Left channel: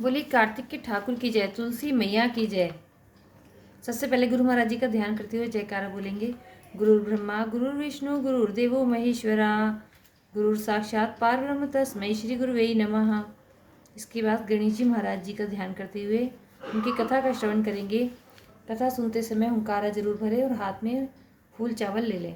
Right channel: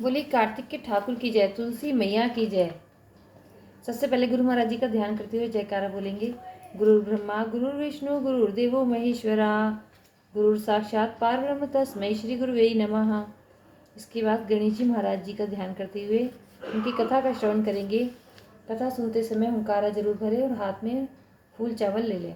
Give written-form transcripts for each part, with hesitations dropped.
बोली कार्तिक के ठाकुर की जय, तुलसी मैया की जय। सबसे पहले गुरु महाराज जी का ध्यान करते हुए जयकारा बोलेंगे। गुरु ब्रह्मा गुरु विष्णु गुरुर्देवो महेश्वरा, गुरु साक्षात पारब्रह्म तस्मै श्री गुरुवे नमः। इसके बाद गणेश जी महाराज जी का ध्यान करते हुए उनकी कथा का श्रवण करेंगे। कथा सुनते समय हुंकारा जरूर भरे और हाथ में फूल चावल ले लें।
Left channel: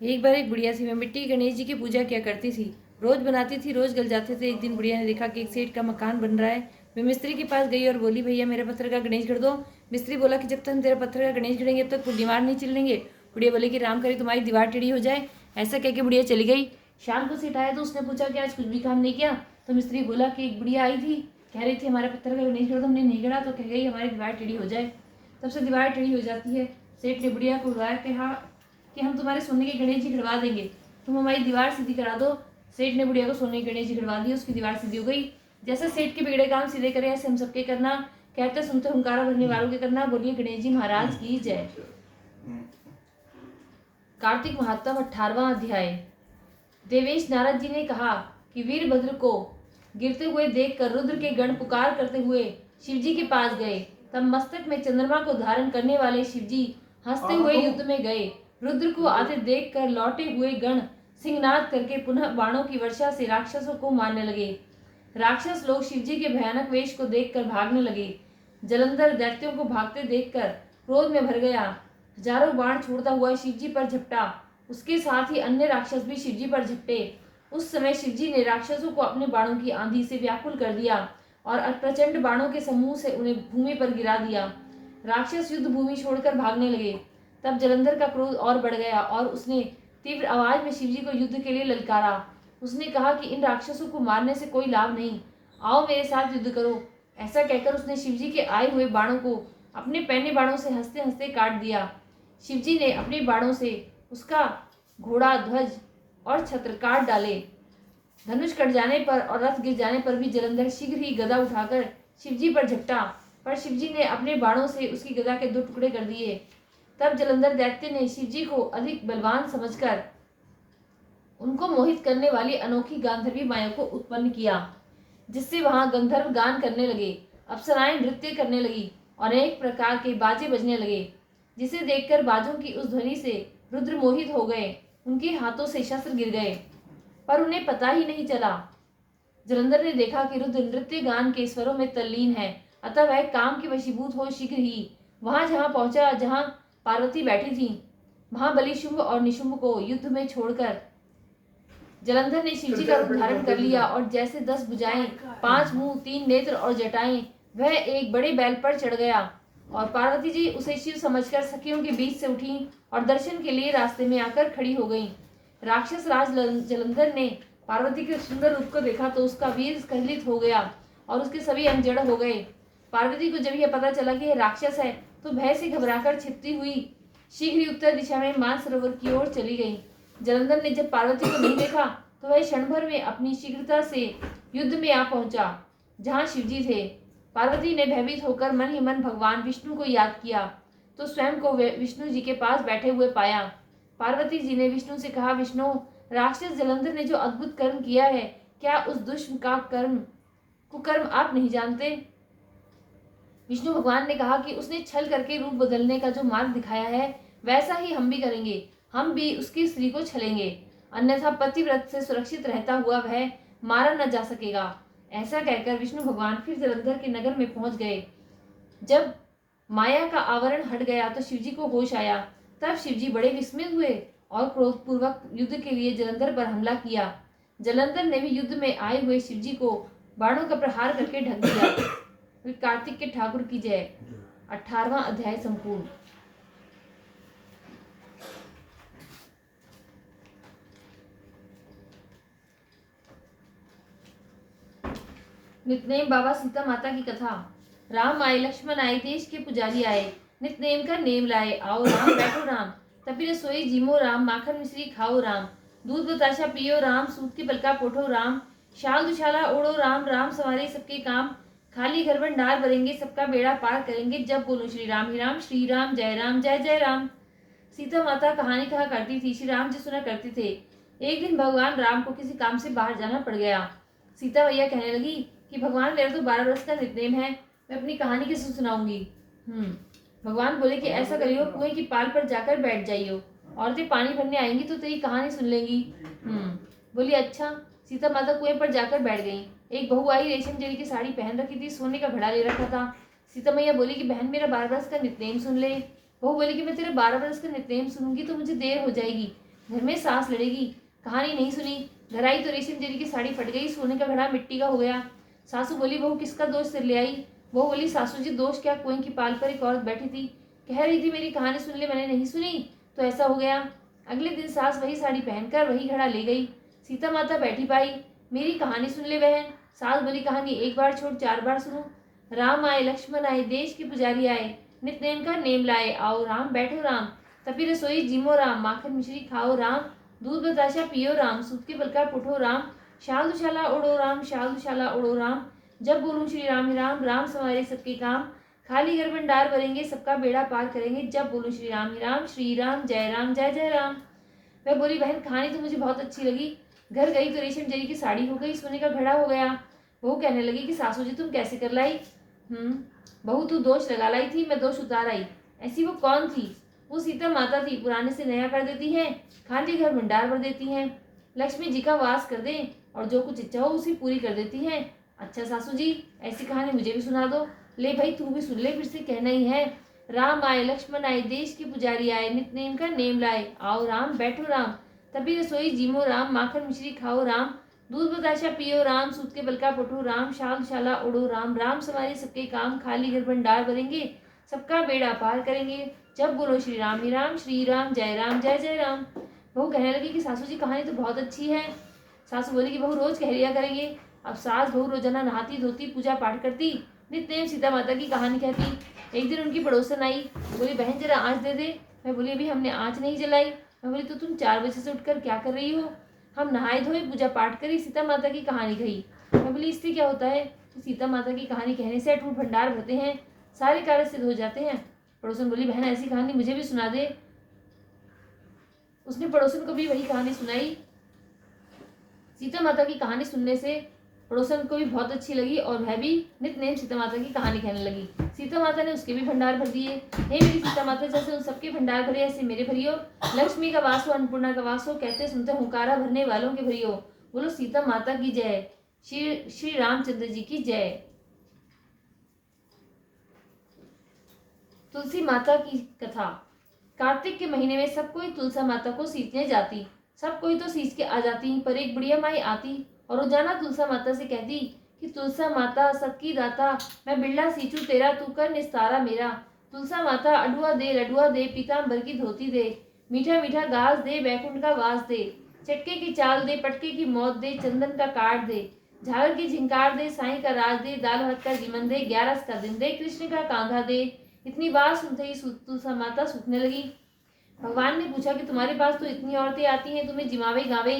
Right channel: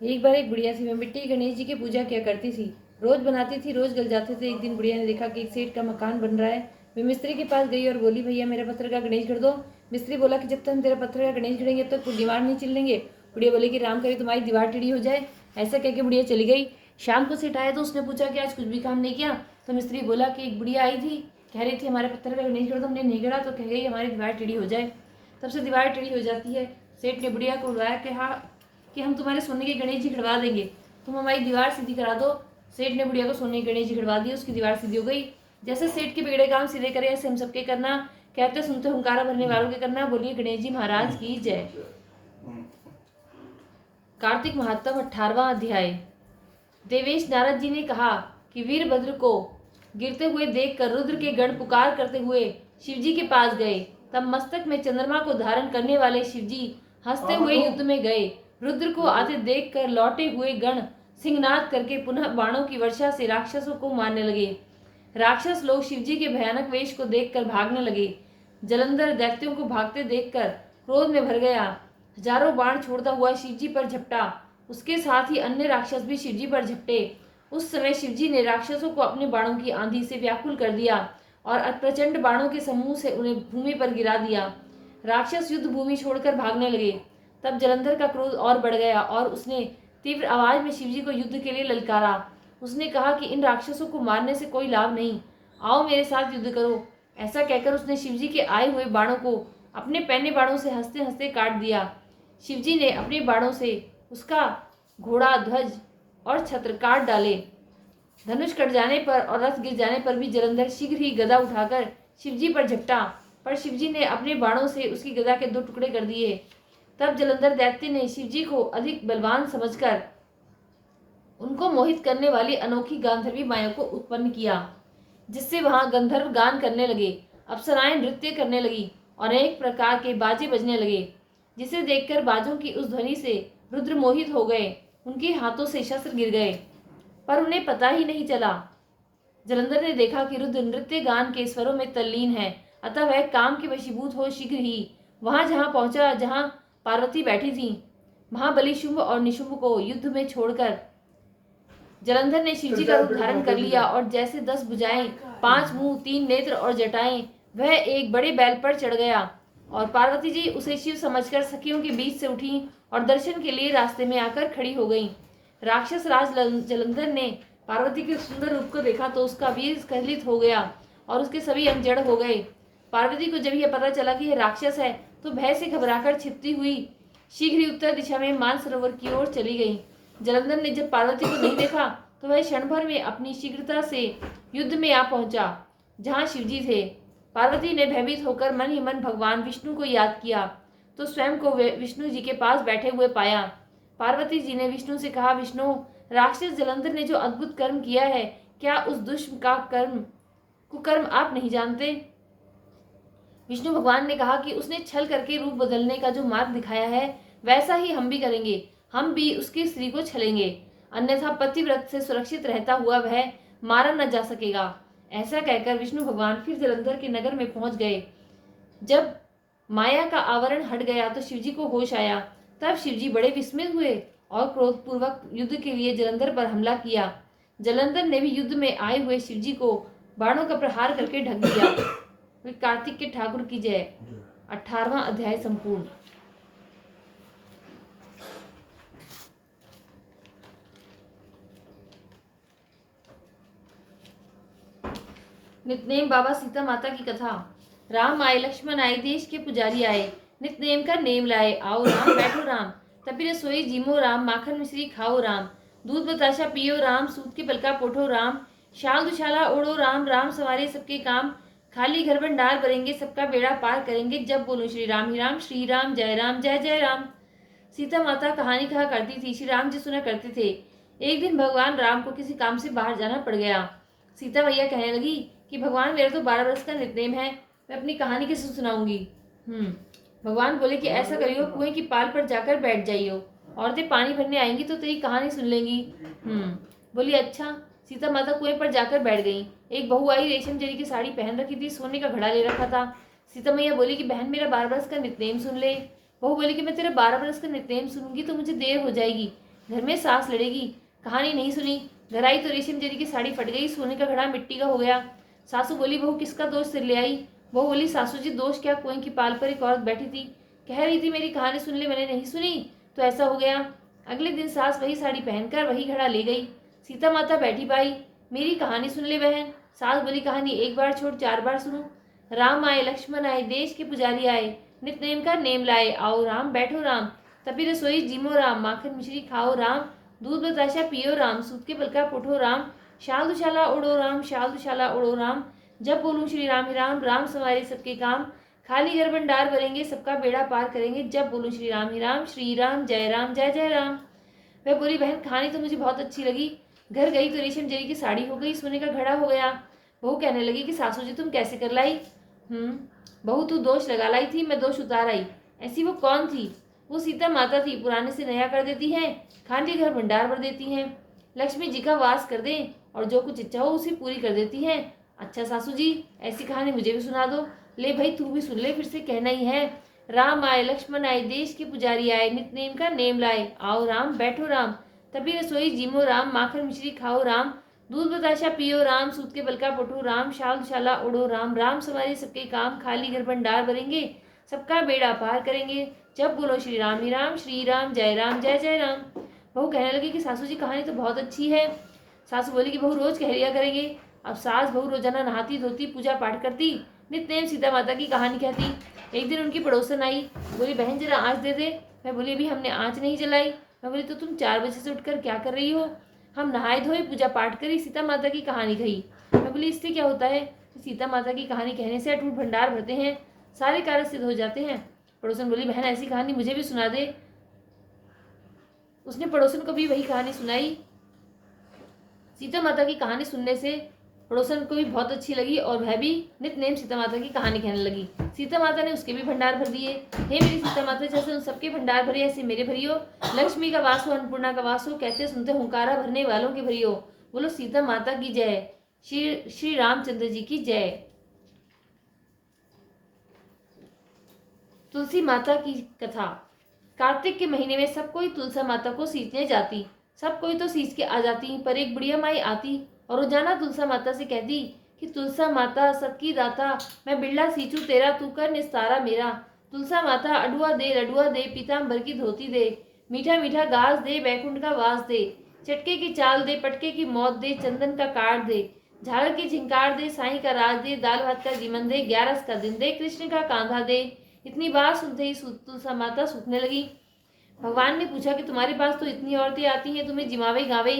एक बार एक बुढ़िया सी मैं मिट्टी गणेश जी की पूजा किया करती थी। रोज बनाती थी, रोज गल जाते थे। एक दिन बुढ़िया ने देखा कि एक सेठ का मकान बन रहा है। वे मिस्त्री के पास गई और बोली, भैया मेरा पत्थर का गणेश गढ़ दो। मिस्त्री बोला कि जब तक हम तेरा पत्थर का गणेश गढ़ेंगे तो कुछ दीवार नहीं चिल्लेंगे। बुढ़िया बोली कि राम करे तुम्हारी दीवार टेढ़ी हो जाए। ऐसा कह के बुढ़िया चली गई। शाम को सेठ आया तो उसने पूछा कि आज कुछ भी काम नहीं किया। तो मिस्त्री बोला कि एक बुढ़िया आई थी, कह रही थी हमारे पत्थर का गणेश गढ़ दो, हमने नहीं गढ़ा तो कह गई हमारी दीवार टेढ़ी हो जाए। तब से दीवार टेढ़ी हो जाती है। सेठ ने बुढ़िया को बुलाया कि हम तुम्हारे सोने के गणेश जी गढ़वा देंगे, तुम हमारी दीवार सीधी करा दो। सेठ ने बुढ़िया को सोने के गणेश जी गढ़वा दिए, उसकी दीवार सीधी हो गई। जैसे सेठ के बिगड़े काम सीधे करे ऐसे हम सबके करना। कहते सुनते हुंकारा भरने वालों के करना। बोलिए गणेश जी महाराज की जय। कार्तिक महात्म 18वां अध्याय। देवेश नारद जी ने कहा कि वीरभद्र को गिरते हुए देखकर रुद्र के गण पुकार करते हुए शिवजी के पास गए। तब मस्तक में चंद्रमा को धारण करने वाले शिवजी हंसते हुए युद्ध में गए। रुद्र को आते देखकर लौटे हुए गण सिंहनाद करके पुनः बाणों की वर्षा से राक्षसों को मारने लगे। राक्षस लोग शिवजी के भयानक वेश को देखकर भागने लगे। जलंधर दैत्यों को भागते देखकर क्रोध में भर गया। हजारों बाण छोड़ता हुआ शिवजी पर झपटा। उसके साथ ही अन्य राक्षस भी शिवजी पर झपटे। उस समय शिवजी ने राक्षसों को अपने बाणों की आंधी से व्याकुल कर दिया और प्रचंड बाणों के समूह से उन्हें भूमि पर गिरा दिया। राक्षस युद्ध भूमि छोड़कर भागने लगे। तब जलंधर का क्रोध और बढ़ गया और उसने तीव्र आवाज में शिवजी को युद्ध के लिए ललकारा। उसने कहा कि इन राक्षसों को मारने से कोई लाभ नहीं, आओ मेरे साथ युद्ध करो। ऐसा कहकर उसने शिवजी के आए हुए बाणों को अपने पैने बाणों से हंसते हंसते काट दिया। शिवजी ने अपने बाणों से उसका घोड़ा, ध्वज और छत्र काट डाले। धनुष कट जाने पर और रथ गिर जाने पर भी जलंधर शीघ्र ही गदा उठाकर शिवजी पर झपटा, पर शिवजी ने अपने बाणों से उसकी गदा के 2 टुकड़े कर दिए। तब जलंधर दैत्य ने शिवजी को अधिक बलवान समझकर उनको मोहित करने वाली अनोखी गांधर्वी माया को उत्पन्न किया, जिससे वहां गंधर्व गान करने लगे, अप्सराएं नृत्य करने लगी और अनेक प्रकार के बाजे बजने लगे, जिसे देखकर बाजों की उस ध्वनि से रुद्र मोहित हो गए। उनके हाथों से शस्त्र गिर गए पर उन्हें पता ही नहीं चला। जलंधर ने देखा कि रुद्र नृत्य गान के स्वरों में तल्लीन है, अतः वह काम के वशीभूत हो शीघ्र ही वहां जहां पहुंचा जहां पार्वती बैठी थी। महाबली शुंभ और निशुंभ को युद्ध में छोड़कर जलंधर ने शिवजी का रूप धारण कर लिया और जैसे 10 भुजाएं, 5 मुंह, 3 नेत्र और जटाएं, वह एक बड़े बैल पर चढ़ गया और पार्वती जी उसे शिव समझकर सखियों के बीच से उठी और दर्शन के लिए रास्ते में आकर खड़ी हो गईं। राक्षस राज जलंधर ने पार्वती के सुंदर रूप को देखा तो उसका वीर स्खलित हो गया और उसके सभी अंग जड़ हो गए। पार्वती को जब यह पता चला कि यह राक्षस है तो भय से घबराकर छिपती हुई शीघ्र ही उत्तर दिशा में मानसरोवर की ओर चली गई। जलंधर ने जब पार्वती को नहीं देखा तो वह क्षण भर में अपनी शीघ्रता से युद्ध में आ पहुंचा जहां शिवजी थे। पार्वती ने भयभीत होकर मन ही मन भगवान विष्णु को याद किया तो स्वयं को विष्णु जी के पास बैठे हुए पाया। पार्वती जी ने विष्णु से कहा, विष्णु, राक्षस जलंधर ने जो अद्भुत कर्म किया है, क्या उस दुष्ट का कुकर्म आप नहीं जानते? विष्णु भगवान ने कहा कि उसने छल करके रूप बदलने का जो मार्ग दिखाया है वैसा ही हम भी करेंगे। हम भी उसकी स्त्री को छलेंगे, अन्यथा पतिव्रत से सुरक्षित रहता हुआ वह मारा न जा सकेगा। ऐसा कहकर विष्णु भगवान फिर जलंधर के नगर में पहुंच गए। जब माया का आवरण हट गया तो शिवजी को होश आया। तब शिवजी बड़े विस्मित हुए और क्रोधपूर्वक युद्ध के लिए जलंधर पर हमला किया। जलंधर ने भी युद्ध में आए हुए शिवजी को बाणों का प्रहार करके ढक दिया। कार्तिक के ठाकुर की जय। 18वां अध्याय संपूर्ण। नितनेम बाबा सीता माता की कथा। राम आए, लक्ष्मण आए, देश के पुजारी आए, नितनेम का नेम लाए, आओ राम बैठो राम, तपी रसोई जीमो राम, माखन मिश्री खाओ राम, दूध बताशा पियो राम, सूत के पलका पोठो राम, शाल दुशाला ओढ़ो राम, राम सवारे सबके काम, खाली घर भंडार भरेंगे, सबका बेड़ा पार करेंगे, जब बोलो श्री राम ही राम, श्री राम जय जय राम। सीता माता कहानी कहा करती थी, श्री राम जी सुना करते थे। एक दिन भगवान राम को किसी काम से बाहर जाना पड़ गया। सीता मैया कहने लगी कि भगवान मेरा तो 12 वर्ष का नित्यनेम है, मैं अपनी कहानी किसे सुनाऊंगी। भगवान बोले कि ऐसा करियो, कुएं की पाल पर जाकर बैठ जाइयो, औरतें पानी भरने आएंगी तो तेरी कहानी सुन लेंगी। बोली अच्छा। सीता माता कुएं पर जाकर बैठ गई। एक बहू आई, रेशम जरी की साड़ी पहन रखी थी, सोने का घड़ा ले रखा था। सीता मैया बोली कि बहन मेरा 12 वर्ष का नित्यनेम सुन ले। बहू बोली कि मैं तेरा 12 वर्ष का नित्यनेम सुनूंगी तो मुझे देर हो जाएगी, घर में सांस लड़ेगी। कहानी नहीं सुनी। घर आई तो रेशम जरी की साड़ी फट गई, सोने का घड़ा मिट्टी का हो गया। सासू बोली बहू किसका दोष सिर ले आई। बहू बोली सासू जी दोष क्या, कुएं की पाल पर एक औरत बैठी थी, कह रही थी मेरी कहानी सुन ले, मैंने नहीं सुनी तो ऐसा हो गया। अगले दिन सास वही साड़ी पहनकर वही घड़ा ले गई। सीता माता बैठी पाई, मेरी कहानी सुन ले बहन। सास बोली कहानी एक बार छोड़ 4 बार सुनो। राम आए लक्ष्मण आए, देश के पुजारी आए, नित्यनेम का नेम लाए, आओ राम बैठो राम, तपी रसोई जिमो राम, माखन मिश्री खाओ राम, दूध बताशा पियो राम, सूत के बल का पुठो राम, शाल दुशाला उड़ो राम, शाल दुशाला उड़ो राम, जब बोलूं श्री राम ही राम, राम सवारे सबके काम, खाली घर भंडार भरेंगे, सबका बेड़ा पार करेंगे, जब बोलूं श्री राम ही राम, श्री राम जय जय राम। वह बोली बहन कहानी तो मुझे बहुत अच्छी लगी। घर गई तो रेशम जरी की साड़ी हो गई, सोने का घड़ा हो गया। बहू कहने लगी कि सासू जी तुम कैसे कर लाई। बहू तू दोष लगा लाई थी, मैं दोष उतार आई। ऐसी वो कौन थी। वो सीता माता थी, पुराने से नया कर देती हैं, खाली घर भंडार भर देती हैं, लक्ष्मी जी का वास कर दे और जो कुछ इच्छा हो उसे पूरी कर देती हैं। अच्छा सासू जी ऐसी कहानी मुझे भी सुना दो। ले भाई तू भी सुन ले, फिर से कहना ही है। राम आए लक्ष्मण आए, देश के पुजारी आए, नित्यनेम का नेम लाए, आओ राम बैठो राम, तभी रसोई जिमो राम, माखन मिश्री खाओ राम, दूध बताशा पियो राम, सूत के बल का पुठो राम, शाल शाला उड़ो राम, राम सवारी सबके काम, खाली घर भंडार भरेंगे, सबका बेड़ा पार करेंगे, जब बोलो श्री राम ही राम, श्री राम जय राम। बहू कहने लगी कि सासू जी कहानी तो बहुत अच्छी है। सासू बोली कि बहू रोज कह लिया करेंगे। अब सास बहू रोजाना नहाती धोती पूजा पाठ करती, नित्यनेम सीता माता की कहानी कहती। एक दिन उनकी पड़ोसन आई, बोली बहन जरा आँच दे दे। मैं बोली अभी हमने आँच नहीं जलाई। मैं बोली तो तुम 4 बजे से उठकर क्या कर रही हो। हम नहाए धोए पूजा पाठ करी, सीता माता की कहानी कही। मैं बोली इससे क्या होता है। तो सीता माता की कहानी कहने से अटूट भंडार भरते हैं, सारे कार्य सिद्ध हो जाते हैं। पड़ोसन बोली बहन ऐसी कहानी मुझे भी सुना दे। उसने पड़ोसन को भी वही कहानी सुनाई। सीता माता की कहानी सुनने से पड़ोसन को भी बहुत अच्छी लगी और वह भी नित्यनेम सीता माता की कहानी कहने लगी। सीता माता ने उसके भी भंडार भर दिए। हे मेरी सीता माता जैसे उन सबके भंडार भरे ऐसे मेरे भरियो, लक्ष्मी का वास हो अन्नपूर्णा का वास हो, कहते सुनते हुंकारा भरने वालों के भरियो। बोलो सीता माता की जय, श्री रामचंद्र जी की जय। तुलसी माता की कथा। कार्तिक के महीने में सब कोई तुलसा माता को सींचने जाती। सब कोई तो सींच के आ जाती, पर एक बुढ़िया माई आती और रोजाना तुलसा माता से कहती कि तुलसा माता सबकी दाता, मैं बिरला सींचू तेरा, तू कर निस्तारा मेरा। तुलसा माता अडुआ दे लडुआ दे, पीताम्बर की धोती दे, मीठा मीठा घास दे, बैकुंठ का वास दे, चटके की चाल दे, पटके की मौत दे, चंदन का काट दे, झालर की झिंकार दे, साई का राज दे, दाल भात का जीवन दे, 11 का दिन दे, कृष्ण का कांधा दे। इतनी बात सुनते ही तुलसा माता सूखने लगी। भगवान ने पूछा कि तुम्हारे पास तो इतनी औरतें आती हैं तुम्हें जिमावे गावे,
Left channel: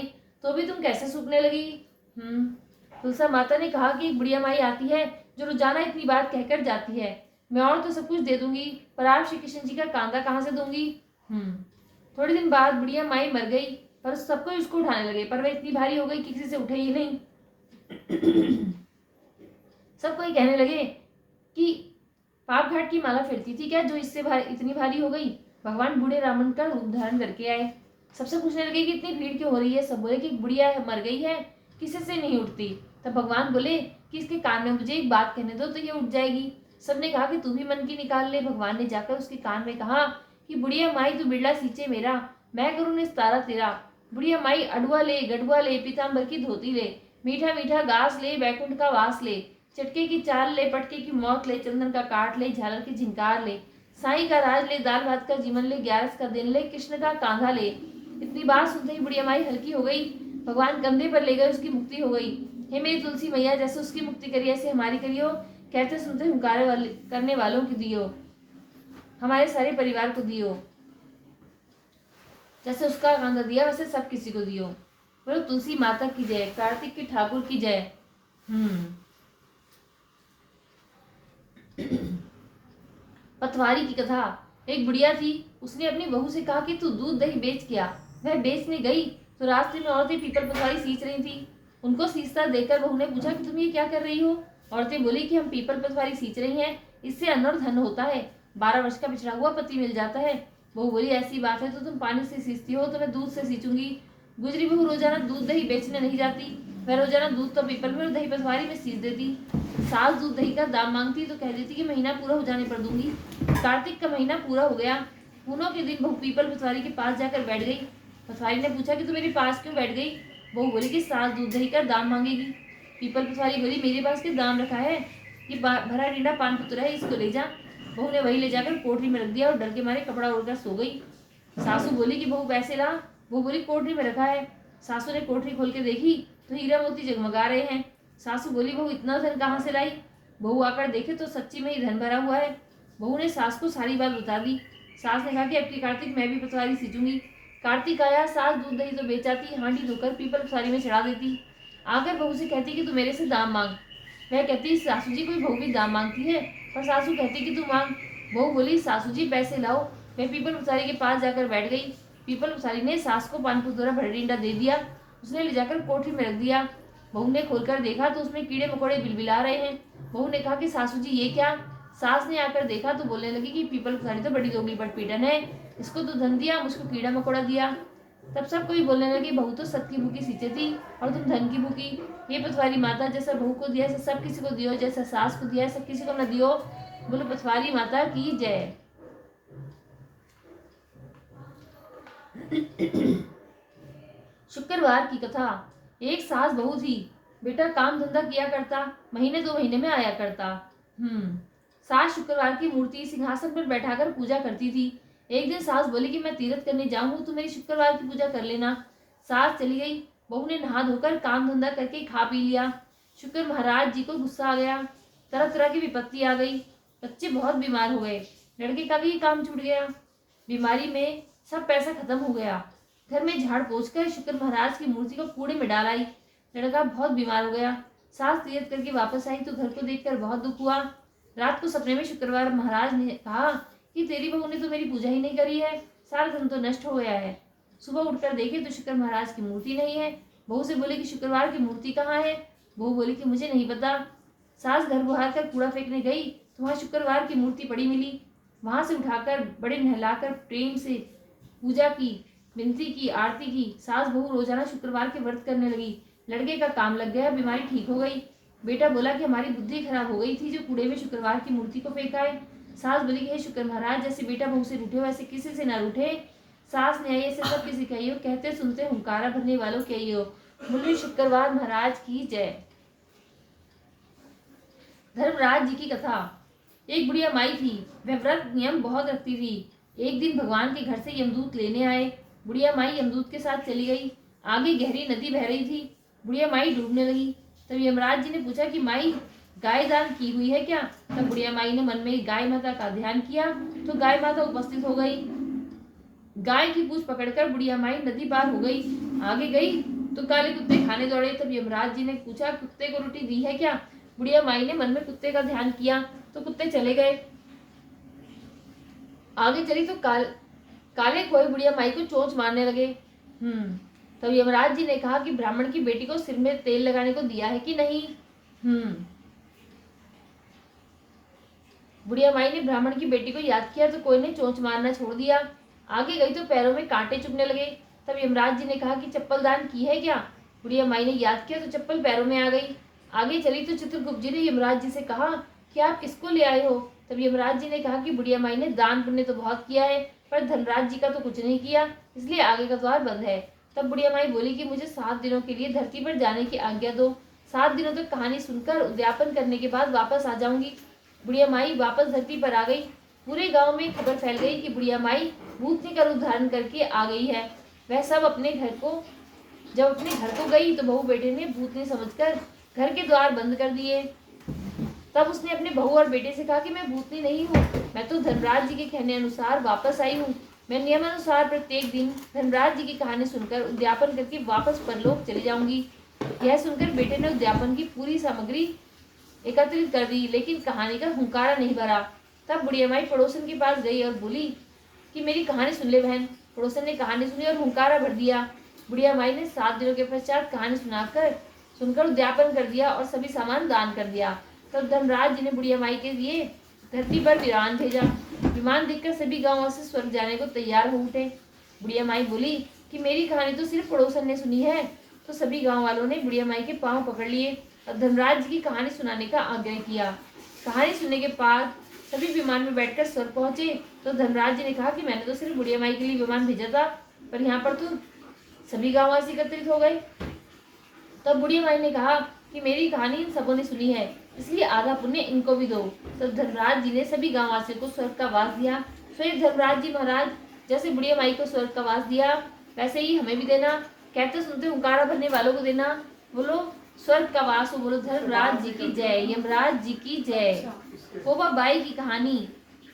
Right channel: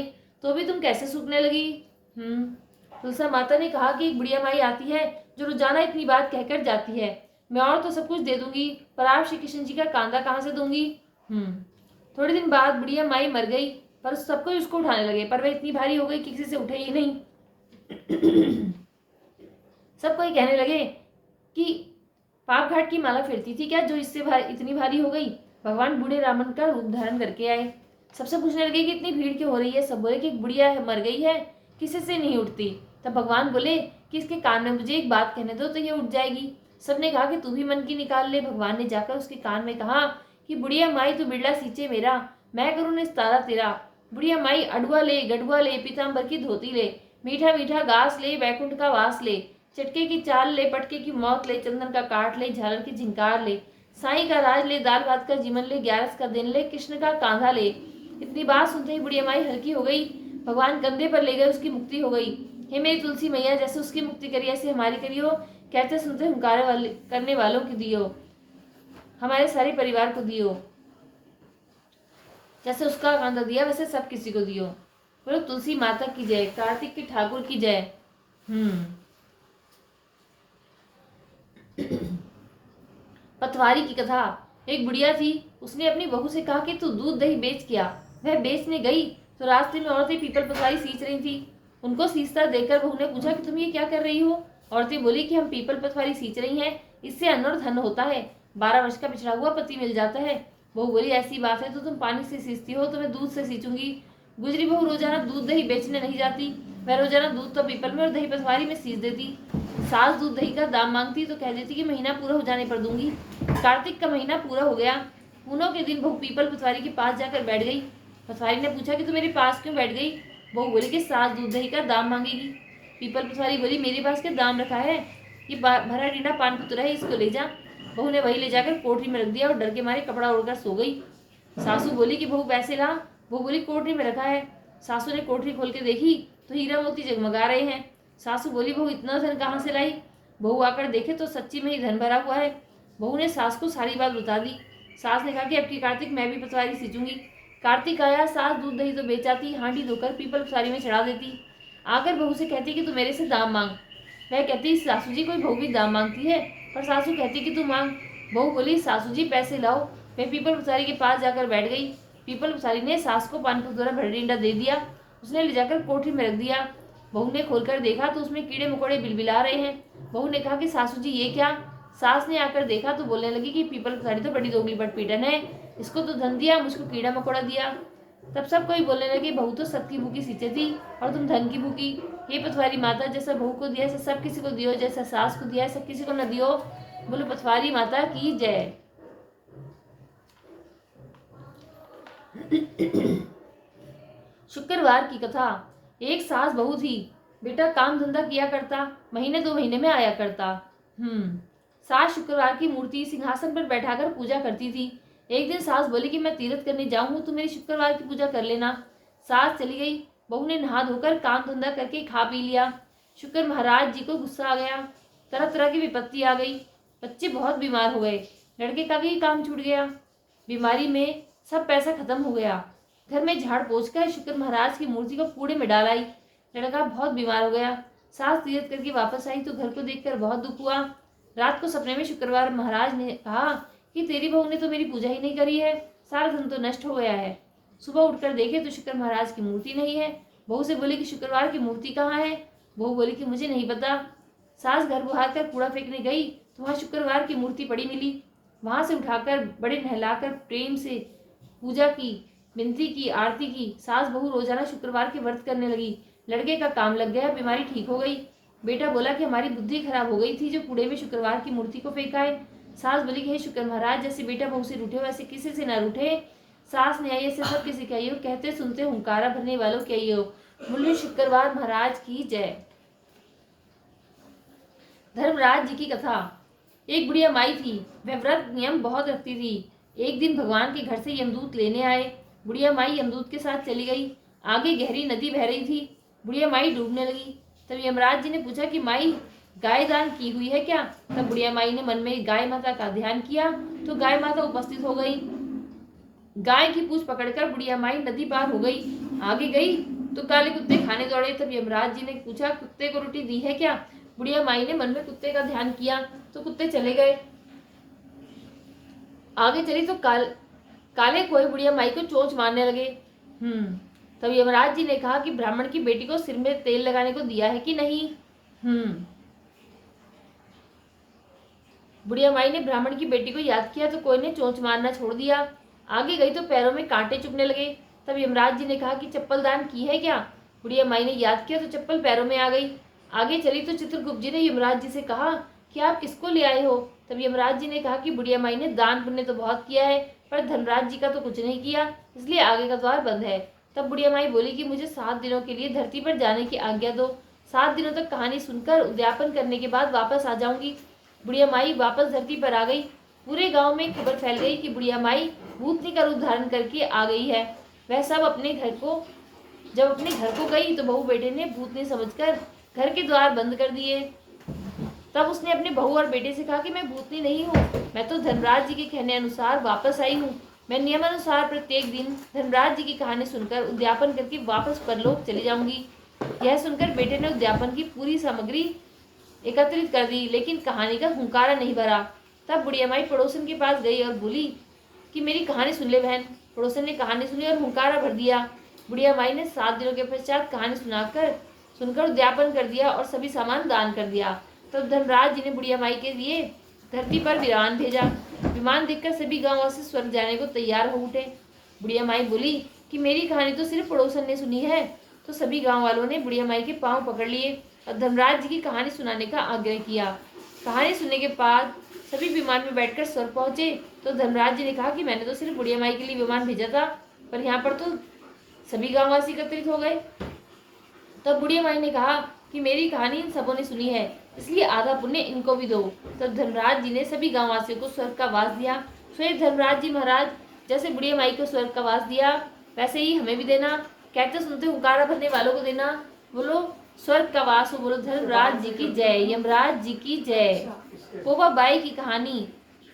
तो भी तुम कैसे सूखने लगी। तुलसा माता ने कहा कि एक बुढ़िया माई आती है जो रोजाना इतनी बात कहकर जाती है। मैं और तो सब कुछ दे दूंगी, पर आप श्री कृष्ण जी का कांधा कहाँ से दूंगी। थोड़े दिन बाद बुढ़िया माई मर गई, पर सबको उसको उठाने लगे, पर वह इतनी भारी हो गई कि किसी से उठे ही नहीं। सब कोई कहने लगे कि पाप घाट की माला फिरती थी क्या जो इससे इतनी भारी हो गई। भगवान बूढ़े रावण का रूप धारण करके आए। सबसे पूछने लगे कि इतनी भीड़ क्यों हो रही है। सब बोले कि बुढ़िया मर गई है, किसी से नहीं उठती। तब भगवान बोले कि इसके कान में मुझे एक बात कहने दो तो ये उठ जाएगी। सबने कहा कि तू भी मन की निकाल ले। भगवान ने जाकर उसके कान में कहा कि बुढ़िया माई तू बिरला सींचे मेरा, मैं करूँ निस्तारा तेरा। बुढ़िया माई अडुआ ले गडुआ ले, पीताम्बर की धोती ले, मीठा मीठा घास ले, बैकुंठ का वास ले, चटके की चाल ले, पटके की मौत ले, चंदन का काट ले, झालर की झिंकार ले, साई का राज ले, दाल भात का जीवन ले, 11 का दिन ले, कृष्ण का कांधा ले। इतनी बात सुनते ही बुढ़िया माई हल्की हो गई। भगवान कंधे पर ले गए, उसकी मुक्ति हो गई। हे मेरी तुलसी मैया जैसे उसकी मुक्ति करी ऐसे हमारी करियो। कहते सुनते हुंकारे वाले करने वालों की दियो, हमारे सारे परिवार को दियो। जैसे उसका कांधा दिया वैसे सब किसी को दियो। बोलो तुलसी माता की जय, कार्तिक के ठाकुर की जय। पतवारी की कथा। एक बुढ़िया थी, उसने अपनी बहू से कहा कि तू दूध दही बेच के आ। वह बेचने गई तो रास्ते में औरतें पीपल पतवारी सींच रही थी। उनको सींचता देखकर बहू ने पूछा कि तुम ये क्या कर रही हो। औरतें बोली कि हम पीपल पतवारी सींच रही हैं, इससे अन्न और धन होता है, 12 वर्ष का बिछड़ा हुआ पति मिल जाता है। बहू बोली ऐसी बात है तो तुम पानी से सींचती हो तो मैं दूध से सींचूंगी। गुजरी बहू रोजाना दूध दही बेचने नहीं जाती, वह रोजाना दूध तो पीपल में और दही पतवारी में सींच देती। सास दूध दही का दाम मांगती तो कह देती कि महीना पूरा हो जाने पर दूंगी। कार्तिक का महीना पूरा हो गया। पूनों के दिन बहू पीपल पतवारी के पास जाकर बैठ गई। पतवारी ने पूछा कि तू मेरे पास क्यों बैठ गई। बहू बोली कि सास दूध दही का दाम मांगेगी। पीपल पतवारी बोली मेरे पास क्या दाम रखा है, ये भरा डीडा पान पुत्र है, इसको ले जा। बहू ने वही ले जाकर कोठरी में रख दिया और डर के मारे कपड़ा ओढ़कर सो गई। सासू बोली कि बहू पैसे ला। बहू बोली कोठरी में रखा है। सासू ने कोठरी खोल के देखी तो हीरा मोती जगमगा रहे हैं। सासू बोली बहू इतना धन कहाँ से लाई। बहू आकर देखे तो सच्ची में ही धन भरा हुआ है। बहू ने सास को सारी बात बता दी। सास ने कहा कि अब की कार्तिक मैं भी पतवारी सींचूंगी। कार्तिक आया, सास दूध दही तो बेचाती, हांडी धोकर पीपल पतवारी में चढ़ा देती। आकर बहू से कहती कि तू मेरे से दाम मांग। वह कहती सासू जी कोई बहू भी दाम मांगती है, पर सासू कहती कि तू मांग। बहू बोली सासू जी पैसे लाओ। मैं पीपल पतवारी के पास जाकर बैठ गई। पीपल पतवारी ने सास को पान द्वारा भरा डींडा दे दिया। उसने ले जाकर कोठरी में रख दिया। बहू ने खोलकर देखा तो उसमें कीड़े मकोड़े बिलबिला रहे हैं। बहू ने कहा कि सासू जी ये क्या। सास ने आकर देखा तो बोलने लगी कि पीपल पतवारी तो बड़ी दोगली बटपीटन है, इसको तो धन दिया, मुझको कीड़ा मकोड़ा दिया। तब सब कोई बोलने लगे बहू तो सत की भूखी सींचे थी और तुम धन की भूखी। हे पतवारी माता, जैसा बहू को दिया ऐसा सब किसी को दियो, जैसा सास को दिया सब किसी को न दियो। बोलो पतवारी माता की जय। शुक्रवार की कथा। एक सास बहू थी। बेटा काम धंधा किया करता, महीने 2 महीने में आया करता। सास शुक्रवार की मूर्ति सिंहासन पर बैठाकर पूजा करती थी। एक दिन सास बोली कि मैं तीर्थ करने जाऊंगी, तो मेरी शुक्रवार की पूजा कर लेना। सास चली गई। बहू ने नहा धोकर काम धंधा करके खा पी लिया। शुक्र महाराज जी को गुस्सा आ गया। तरह तरह की विपत्ति आ गई। बच्चे बहुत बीमार हो गए। लड़के का भी काम छूट गया। बीमारी में सब पैसा खत्म हो गया। घर में झाड़ पोंछ कर शुक्र महाराज की मूर्ति को कूड़े में डाल आई। लड़का बहुत बीमार हो गया। सास तीर्थ करके वापस आई तो घर को देखकर बहुत दुख हुआ। रात को सपने में शुक्रवार महाराज ने कहा कि तेरी बहू ने तो मेरी पूजा ही नहीं करी है, सारा धन तो नष्ट हो गया है। सुबह उठकर देखे तो शुक्र महाराज की मूर्ति नहीं है। बहू से बोली कि शुक्रवार की मूर्ति कहाँ है। बहू बोली कि मुझे नहीं पता। सास घर बुहार कर कूड़ा फेंकने गई तो वहां शुक्रवार की मूर्ति पड़ी मिली। वहां से उठाकर बड़े नहलाकर प्रेम से पूजा की, विनती की, आरती की। सास बहू रोजाना शुक्रवार के व्रत करने लगी। लड़के का काम लग गया, बीमारी ठीक हो गई। बेटा बोला कि हमारी बुद्धि खराब हो गई थी जो कूड़े में शुक्रवार की मूर्ति को फेंका है। सास बोली कि हे शुक्र महाराज, जैसे बेटा बहू से रूठे वैसे किसी से ना रूठे। सास ने ऐसे सब किसी कही हो, कहते सुनते हुंकारा भरने वालों कही हो। बोले शुक्रवार महाराज की जय। धर्मराज जी की कथा। एक बुढ़िया माई थी, वह व्रत नियम बहुत रखती थी। एक दिन भगवान के घर से यमदूत लेने आए। बुढ़िया माई यमदूत के साथ चली गई। आगे गहरी नदी बह रही थी। बुढ़िया माई डूबने लगी। तब यमराज जी ने पूछा कि माई गाय दान की हुई है क्या। तब बुढ़िया माई ने मन में गाय माता का ध्यान किया तो गाय माता उपस्थित हो गई। गाय की पूंछ पकड़कर बुढ़िया माई नदी पार हो गई। आगे गई तो काले कुत्ते खाने दौड़े। तब यमराज जी ने पूछा कुत्ते को रोटी दी है क्या। बुढ़िया माई ने मन में कुत्ते का ध्यान किया तो कुत्ते चले गए। आगे चली तो काले कोई बुढ़िया माई को चोंच मारने लगे। तब यमराज जी ने कहा कि ब्राह्मण की बेटी को सिर में तेल लगाने को दिया है कि नहीं। बुढ़िया माई ने ब्राह्मण की बेटी को याद किया तो कोई ने चोंच मारना छोड़ दिया। आगे गई तो पैरों में कांटे चुभने लगे। तब यमराज जी ने कहा कि चप्पल दान की है क्या। बुढ़िया माई ने याद किया तो चप्पल पैरों में आ गई। आगे चली तो चित्रगुप्त जी ने यमराज जी से कहा कि आप किसको ले आए हो। तब यमराज जी ने कहा कि बुढ़िया माई ने दान पुण्य तो बहुत किया है, पर धनराज जी का तो कुछ नहीं किया, इसलिए आगे का द्वार बंद है। तब बुढ़िया माई बोली कि मुझे 7 दिनों के लिए धरती पर जाने की आज्ञा दो। 7 दिनों तक कहानी सुनकर उद्यापन करने के बाद वापस आ जाऊंगी। बुढ़िया माई वापस धरती पर आ गई। पूरे गांव में खबर फैल गई कि बुढ़िया माई भूतनी का रूप धारण करके आ गई है। वह सब जब अपने घर को गई तो बहू बेटे ने भूतनी समझकर घर के द्वार बंद कर दिए। तब उसने अपने बहू और बेटे से कहा कि मैं भूतनी नहीं हूँ, मैं तो धनराज जी के कहने अनुसार वापस आई हूँ। मैं नियम अनुसार प्रत्येक दिन धनराज जी की कहानी सुनकर उद्यापन करके वापस परलोक चली जाऊंगी। यह सुनकर बेटे ने उद्यापन की पूरी सामग्री एकत्रित कर दी, लेकिन कहानी का हुंकारा नहीं भरा। तब बुढ़िया माई पड़ोसन के पास गई और बोली कि मेरी कहानी सुन ले बहन। पड़ोसन ने कहानी सुनी और हुंकारा भर दिया। बुढ़िया माई ने 7 दिनों के पश्चात कहानी सुनाकर सुनकर उद्यापन कर दिया और सभी सामान दान कर दिया। तब धर्मराज जी ने बुढ़िया माई के लिए धरती पर विमान भेजा। विमान देखकर सभी गांव से स्वर्ग जाने को तैयार हो उठे। बुढ़िया माई बोली कि मेरी कहानी तो सिर्फ पड़ोसन ने सुनी है। तो सभी गांव वालों ने बुढ़िया माई के पांव पकड़ लिए और धर्मराज जी की कहानी सुनाने का आग्रह किया। कहानी सुनने के बाद सभी विमान में बैठकर स्वर्ग पहुंचे। तो धर्मराज जी ने कहा कि मैंने तो सिर्फ बुढ़िया माई के लिए विमान भेजा था, पर यहाँ पर तो सभी गांववासी एकत्रित हो गए। तब बुढ़ी माई ने कहा कि मेरी कहानी इन सबों ने सुनी है, इसलिए आधा पुण्य इनको भी दो। तब धर्मराज जी ने सभी गांववासियों को स्वर्ग का वास दिया। फिर धर्मराज जी महाराज जैसे बुढ़िया माई को स्वर्ग का वास दिया, वैसे ही हमें भी देना। कहते सुनते हुंकारा भरने वालों को देना। बोलो स्वर्ग का वास हो, बोलो धर्मराज जी की जय, यमराज जी की जय। पोपा बाई की कहानी।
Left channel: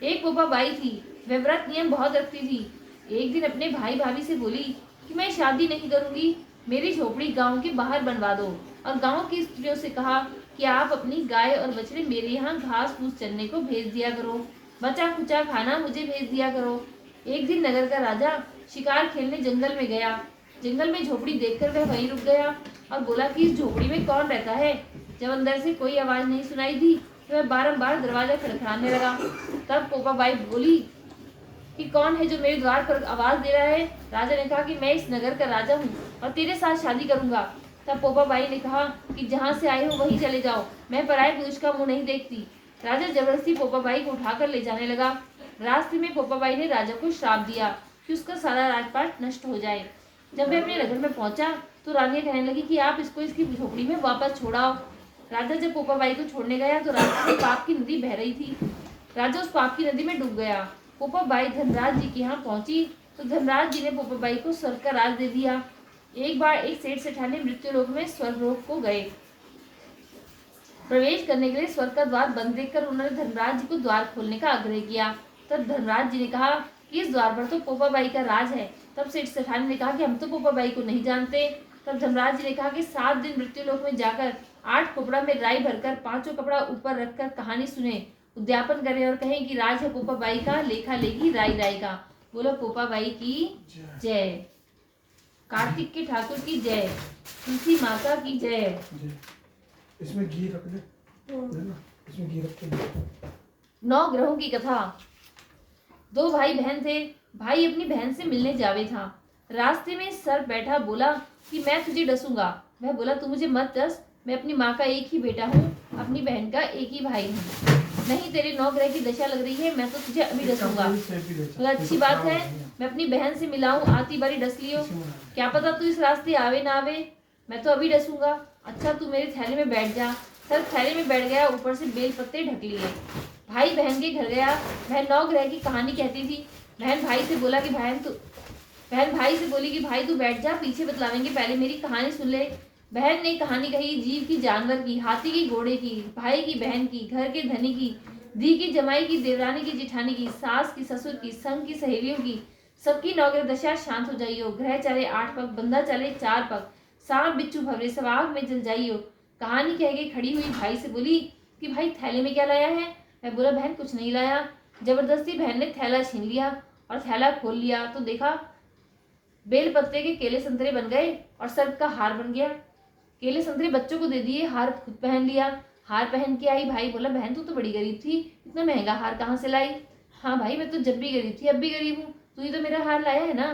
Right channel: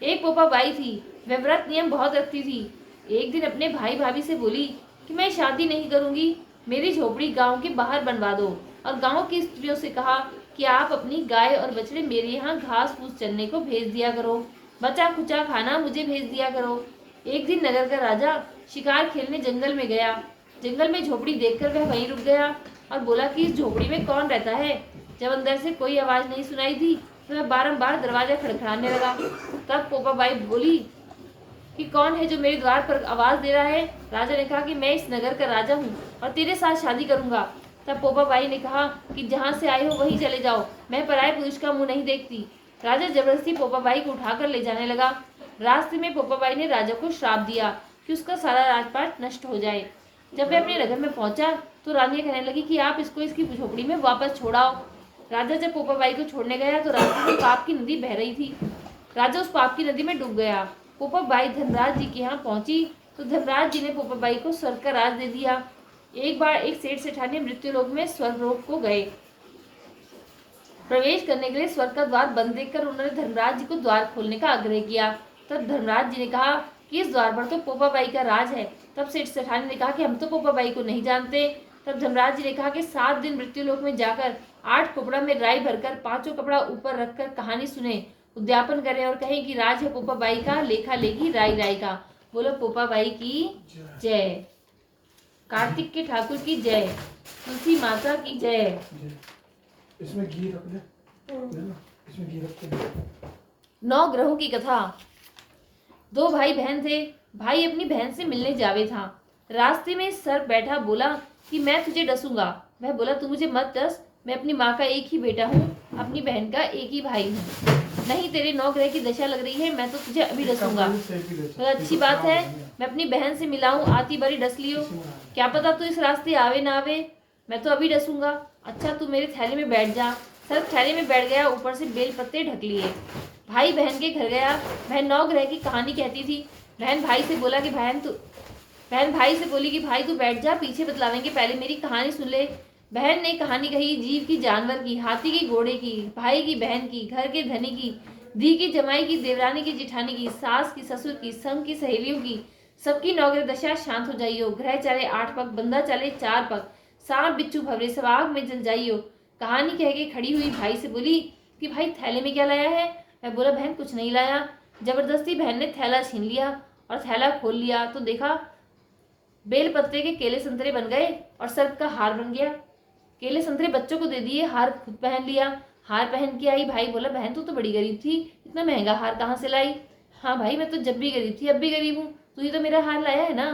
एक पोपा बाई थी, वह व्रत नियम बहुत रखती थी। एक दिन अपने भाई भाभी से बोली कि मैं शादी नहीं करूंगी, मेरी झोपड़ी गांव के बाहर बनवा दो। और गांव की स्त्रियों से कहा कि आप अपनी गाय और बछड़े मेरे यहाँ घास फूस चरने को भेज दिया करो, बचा खुचा खाना मुझे भेज दिया करो। एक दिन नगर का राजा शिकार खेलने जंगल में गया। जंगल में झोपड़ी देखकर वह वहीं रुक गया और बोला कि इस झोपड़ी में कौन रहता है। जब अंदर से कोई आवाज नहीं सुनाई दी तो वह बारंबार दरवाजा खड़खड़ाने लगा। तब पोपा बाई बोली कि कौन है जो मेरे द्वार पर आवाज दे रहा है। राजा ने कहा कि मैं इस नगर का राजा हूँ और तेरे साथ शादी करूंगा। तब पोपा बाई ने कहा कि जहाँ से आए हो वहीं चले जाओ, मैं पराये पुरुष का मुंह नहीं देखती। राजा जबरदस्ती पोपा बाई को उठाकर ले जाने लगा। रास्ते में पोपा बाई ने राजा को श्राप दिया कि उसका सारा राजपाट नष्ट हो जाए। जब वह अपने नगर में पहुंचा तो रानी कहने लगी कि आप इसको इसकी झोपड़ी में वापस छोड़ाओ। राजा जब पोपा बाई को छोड़ने गया तो रास्ते में पाप की नदी बह रही थी। राजा उस पाप की नदी में डूब गया। पोपा बाई धर्मराज जी के यहाँ पहुंची तो धर्मराज जी ने पोपा बाई को स्वर्ग का राज दे दिया। एक बार एक सेठ सेठानी मृत्यु लोक में स्वर्ग लोक को गए। प्रवेश करने के लिए स्वर्ग का द्वार बंद देखकर उन्होंने धर्मराज जी को द्वार खोलने का आग्रह किया। तब धर्मराज जी ने कहा कि इस द्वार पर तो पोपा बाई का राज है। तब सेठ सेठानी ने कहा कि हम तो पोपा बाई को नहीं जानते। तब धर्मराज जी ने कहा कि 7 दिन मृत्यु लोक में जाकर 8 कपड़ा में राई भरकर 5 कपड़ा ऊपर रखकर कहानी सुने, उद्यापन करें और कहें कि राज है पोपा बाई का, लेखा लेगी राई राई का। बोलो पोपा बाई की जय, कार्तिक के ठाकुर की जय, तुलसी माता की जय। इसमें घी रख ले, इसमें घी रख के। 9 ग्रहों की कथा। 2 भाई बहन थे। भाई अपनी बहन से मिलने जावे था। रास्ते में सर्प बैठा बोला कि मैं तुझे डसूंगा। वह बोला तू मुझे मत डस, मैं अपनी माँ का एक ही बेटा हूँ, अपनी बहन का एक ही भाई हूँ। नहीं तेरे 9 ग्रह की दशा लग रही है, मैं तो तुझे अभी डसूंगा। तो अच्छी बात है, मैं अपनी बहन से मिलाऊं, आती बारी डस लियो। क्या पता तू इस रास्ते आवे ना आवे, मैं तो अभी डसूंगा। अच्छा तू मेरे थैले में बैठ जा। सर्प थैले में बैठ गया, ऊपर से बेल पत्ते ढक लिए। भाई बहन के घर गया। बहन 9 ग्रह की कहानी कहती थी। बहन भाई से बोला कि बहन भाई से बोली कि भाई तू बैठ जा, पीछे बतलावेंगे, पहले मेरी कहानी सुन ले। बहन ने कहानी कही जीव की, जानवर की, हाथी की, घोड़े की, भाई की, बहन की, घर के धनी की, धी की, जमाई की, देवरानी की, जिठानी की, सास की, ससुर की, संग की, सहेलियों की, सबकी 9 ग्रह दशा शांत हो जाइयो। ग्रह चले 8 पग, बंदा चले 4 पग, सांप बिच्छू भवरे सब आग में जल जाइयो। कहानी कह के खड़ी हुई भाई से बोली कि भाई थैले में क्या लाया है। मैं बोला बहन कुछ नहीं लाया। जबरदस्ती बहन ने थैला छीन लिया और थैला खोल लिया तो देखा बेल पत्ते के केले संतरे बन गए और सर्प का हार बन गया। केले संतरे बच्चों को दे दिए, हार खुद पहन लिया। हार पहन के आई। भाई बोला बहन तू तो बड़ी गरीब थी, इतना महंगा हार कहाँ से लाई। हाँ भाई मैं तो जब भी गरीब थी अब भी गरीब हूँ, तू ही तो मेरा हार लाया है ना।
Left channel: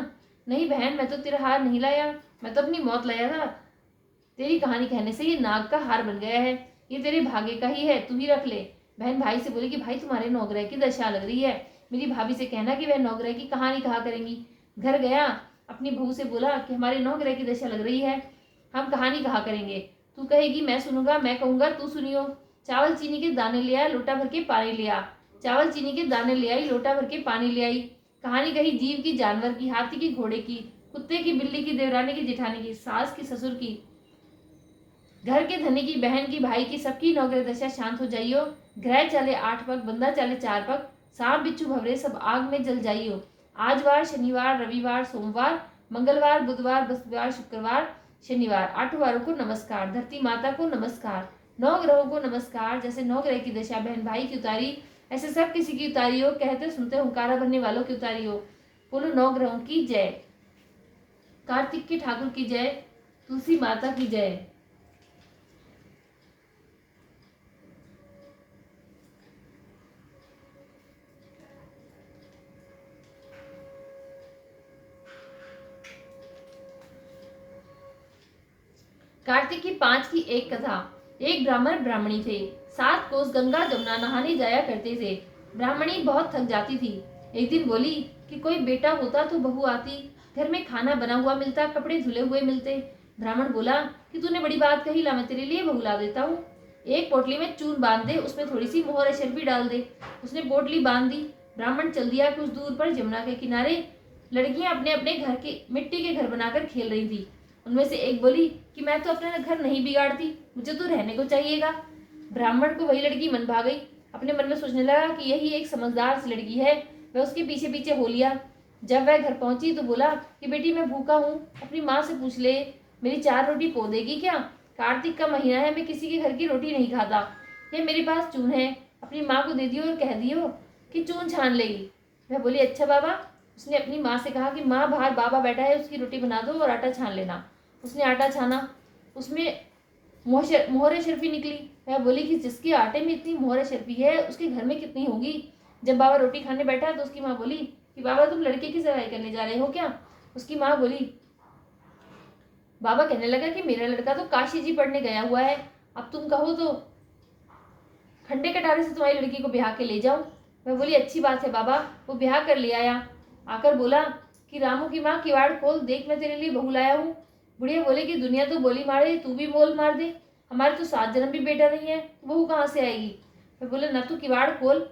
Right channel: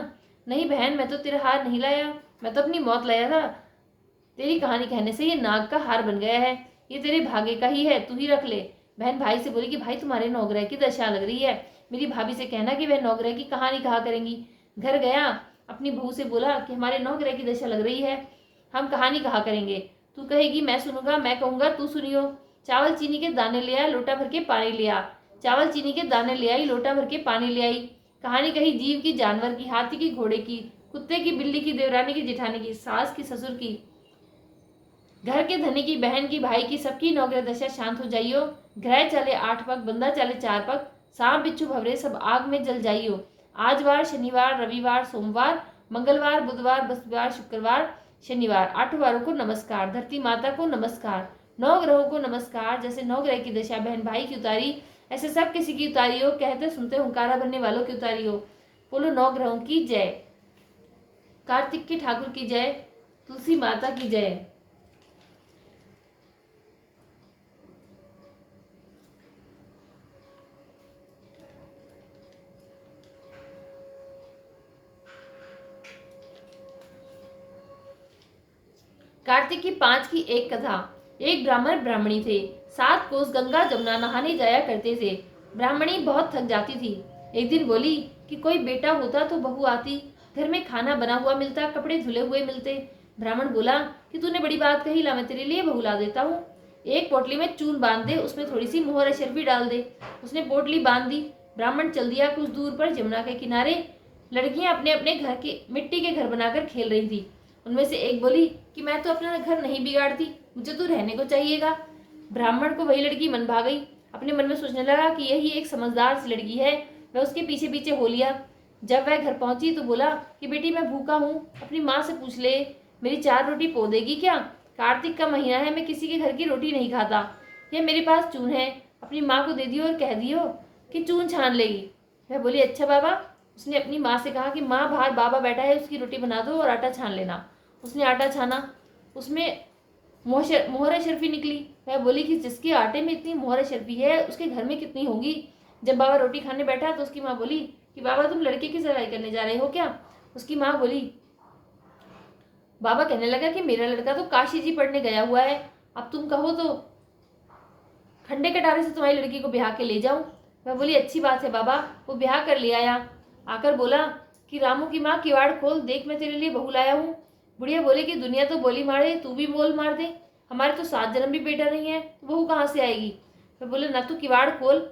नहीं बहन मैं तो तेरा हार नहीं लाया, मैं तो अपनी मौत लाया था। तेरी कहानी कहने से ये नाग का हार बन गया है, ये तेरे भाग्य का ही है, तू ही रख ले। बहन भाई से बोली कि भाई तुम्हारे 9 ग्रह की दशा लग रही है, मेरी भाभी से कहना कि वह 9 ग्रह की कहानी कहा करेंगी। घर गया, अपनी बहू से बोला कि हमारे 9 ग्रह की दशा लग रही है, हम कहानी कहा करेंगे। तू कहेगी मैं सुनूंगा, मैं कहूंगा तू सुनियो। चावल चीनी के दाने ले आया, लोटा भर के पानी ले आ। चावल चीनी के दाने ले आई, लोटा भर के पानी ले आई। कहानी कही जीव की, जानवर की, हाथी की, घोड़े की, कुत्ते की, बिल्ली की, देवरानी की, जिठानी की, सास की, ससुर की, घर के धनी की, बहन की, भाई की, सबकी 9 ग्रह दशा शांत हो जाइयो। ग्रह चले 8 पग, बंदा चले 4 पग, सांप बिच्छू भवरे सब आग में जल जाइयो। आज वार, शनिवार, रविवार, सोमवार, मंगलवार, बुधवार, बृहस्पतिवार, शुक्रवार, शनिवार, 8 वारों को नमस्कार, धरती माता को नमस्कार, 9 ग्रहों को नमस्कार। जैसे 9 ग्रह की दशा बहन भाई की उतारी, ऐसे सब किसी की उतारी हो। कहते सुनते हुंकारा भरने वालों की उतारी हो। बोलो 9 ग्रहों की जय, कार्तिक के ठाकुर की जय, तुलसी माता की जय। कार्तिक की 5 की एक कथा। एक ब्राह्मण ब्राह्मणी थे। 7 कोस गंगा जमुना नहाने जाया करते थे। ब्राह्मणी बहुत थक जाती थी। एक दिन बोली कि कोई बेटा होता तो बहू आती, घर में खाना बना हुआ मिलता, कपड़े धुले हुए मिलते। ब्राह्मण बोला कि तूने बड़ी बात कही, ला मैं तेरे लिए बहू ला देता हूँ। एक पोटली में चून बांध दे, उसमें थोड़ी सी मोहर शर्फी डाल दे। उसने पोटली बांध दी। ब्राह्मण चल दिया। कुछ दूर पर जमुना के किनारे लड़कियां अपने अपने घर के मिट्टी के घर बनाकर खेल रही थी। उनमें से एक बोली कि मैं तो अपना घर नहीं बिगाड़ती, मुझे तो रहने को चाहिएगा। ब्राह्मण को वही लड़की मन भा गई। अपने मन में सोचने लगा कि यही एक समझदार सी लड़की है। वह उसके पीछे पीछे हो लिया। जब वह घर पहुंची तो बोला कि बेटी मैं भूखा हूँ, अपनी माँ से पूछ ले, मेरी 4 रोटी पो देगी क्या? कार्तिक का महीना है, मैं किसी के घर की रोटी नहीं खाता। यह मेरे पास चून है, अपनी माँ को दे दियो और कह दियो कि चून छान लेगी। वह बोली अच्छा बाबा। उसने अपनी माँ से कहा कि माँ बाहर बाबा बैठा है, उसकी रोटी बना दो और आटा छान लेना। उसने आटा छाना, उसमें मोहर शर्फी निकली। वह बोली कि जिसके आटे में इतनी मोहर शर्फी है उसके घर में कितनी होगी। जब बाबा रोटी खाने बैठा तो उसकी माँ बोली कि बाबा तुम लड़के की सगाई करने जा रहे हो क्या? उसकी माँ बोली, बाबा कहने लगा कि मेरा लड़का तो काशी जी पढ़ने गया हुआ है, अब तुम कहो तो खंडे कटारे से तुम्हारी लड़की को ब्याह के ले जाऊं। वह बोली अच्छी बात है बाबा। वो ब्याह कर ले आया। आकर बोला कि रामू की माँ किवाड़ खोल, देख मैं तेरे लिए बहू लाया हूँ। बुढ़िया बोले कि दुनिया तो बोली मारे, तू भी मोल मार दे, हमारे तो 7 जन्म भी बेटा नहीं है, तो बहू कहाँ से आएगी? वह बोले ना तू किवाड़ खोल।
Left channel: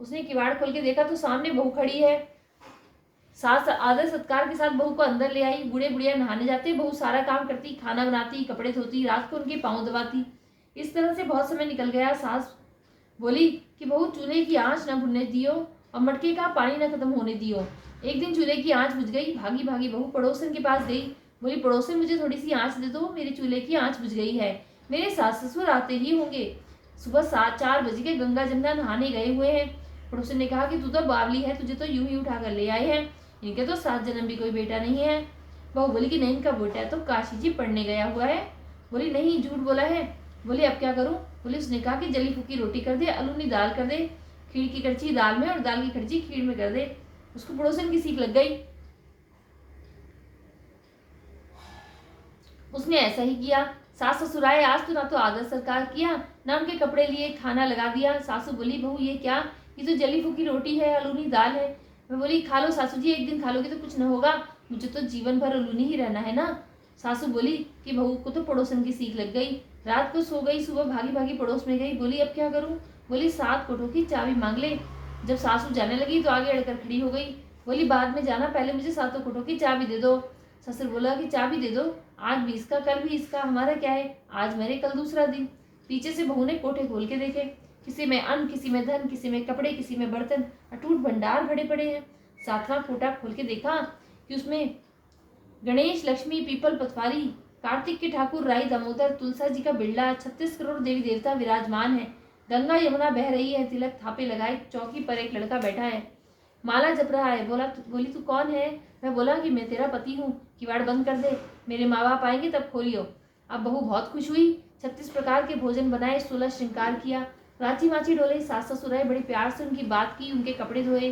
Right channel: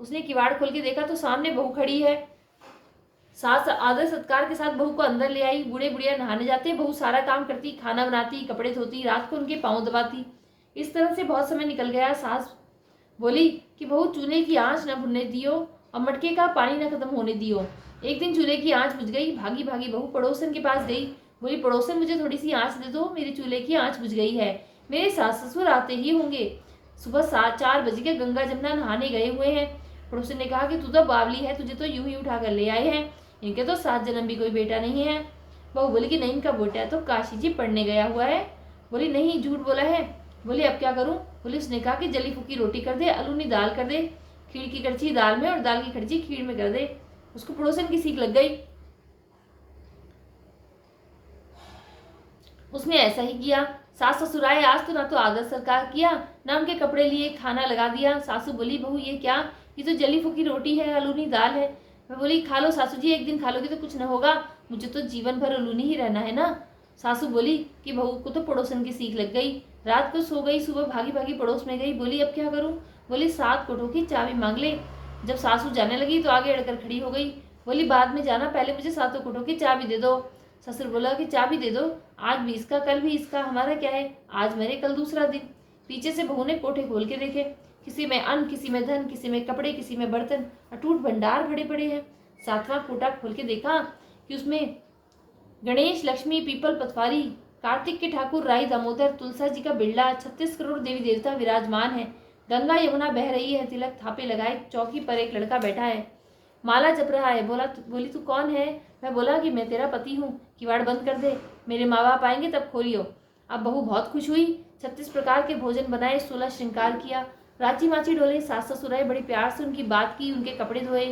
उसने किवाड़ खोल के देखा तो सामने बहू खड़ी है। सास आदर सत्कार के साथ बहू को अंदर ले आई। बूढ़े बुढ़िया नहाने जाते, बहू सारा काम करती, खाना बनाती, कपड़े धोती, रात को उनके पाँव दबाती। इस तरह से बहुत समय निकल गया। सास बोली कि बहू चूल्हे की आंच न भुनने दियो और मटके का पानी न खत्म होने दियो। एक दिन चूल्हे की आंच बुझ गई। भागी भागी बहू पड़ोसन के पास गई। बोली पड़ोसन मुझे थोड़ी सी आंच दे दो, मेरे चूल्हे की आंच बुझ गई है, मेरे सास ससुर आते ही होंगे, सुबह 4 बजे के गंगा जमुना नहाने गए हुए हैं। पड़ोसन ने कहा कि तू तो बावली है, तुझे तो यूं ही उठा कर ले आए हैं, इनके तो 7 जन्म भी कोई बेटा नहीं है। बहू बोली कि नहीं, इनका बेटा तो काशी जी पढ़ने गया हुआ है। बोली नहीं, झूठ बोला है। बोली अब क्या करूं? बोली उसने कहा कि जली फूकी रोटी कर दे, अलूनी दाल कर दे, खीर की कड़छी दाल में और दाल की कड़छी खीर में कर दे। उसको पड़ोसन की सीख लग गई। उसने ऐसा ही किया। सास ससुर आए, आज तो ना तो आदर सत्कार किया, ना उनके कपड़े लिए, खाना लगा दिया। सासू बोली बहू ये क्या? ये तो जली फूकी रोटी है, अलूनी दाल है। मैं बोली खा लो सासू जी, एक दिन खा लोगी तो कुछ न होगा, मुझे तो जीवन भर अलूनी ही रहना है ना। सासू बोली कि बहू को तो पड़ोसन की सीख लग गई। रात को सो गई, सुबह भागी भागी पड़ोस में गई। बोली अब क्या करूं? बोली 7 कोठों की चाबी मांग ले। जब सासू जाने लगी तो आगे अड़कर खड़ी हो गई। बोली बाद में जाना, पहले मुझे 7 कोठों की चाबी दे दो। ससुर बोला कि चाबी दे दो, आज भी इसका कल भी इसका, हमारा क्या है, आज मेरे कल दूसरा दिन। पीछे से बहू ने कोठे खोल के देखे। किसी में अन्न, किसी में धन, किसी में कपड़े, किसी में बर्तन, अटूट भंडार भरे पड़े हैं। 7वां कोटा खोल के देखा कि उसमें गणेश, लक्ष्मी, पीपल, पतवारी, कार्तिक के ठाकुर, राई, दामोदर, तुलसा जी का बिरला, 36 करोड़ देवी देवता विराजमान है। गंगा यमुना बह रही है, तिलक थापे लगाए चौकी पर एक लड़का बैठा है, माला जप रहा है। बोली तू कौन है? मैं बोला कि मैं तेरा पति हूँ, किवाड़ बंद कर दे, मेरे माँ बाप आएंगे तब खोलियो। अब बहू बहुत खुश हुई। 36 प्रकार के भोजन बनाए, 16 श्रृंगार किया, रांची माची डोले, सास ससुर आए, बड़ी प्यार से उनकी बात की, उनके कपड़े धोए,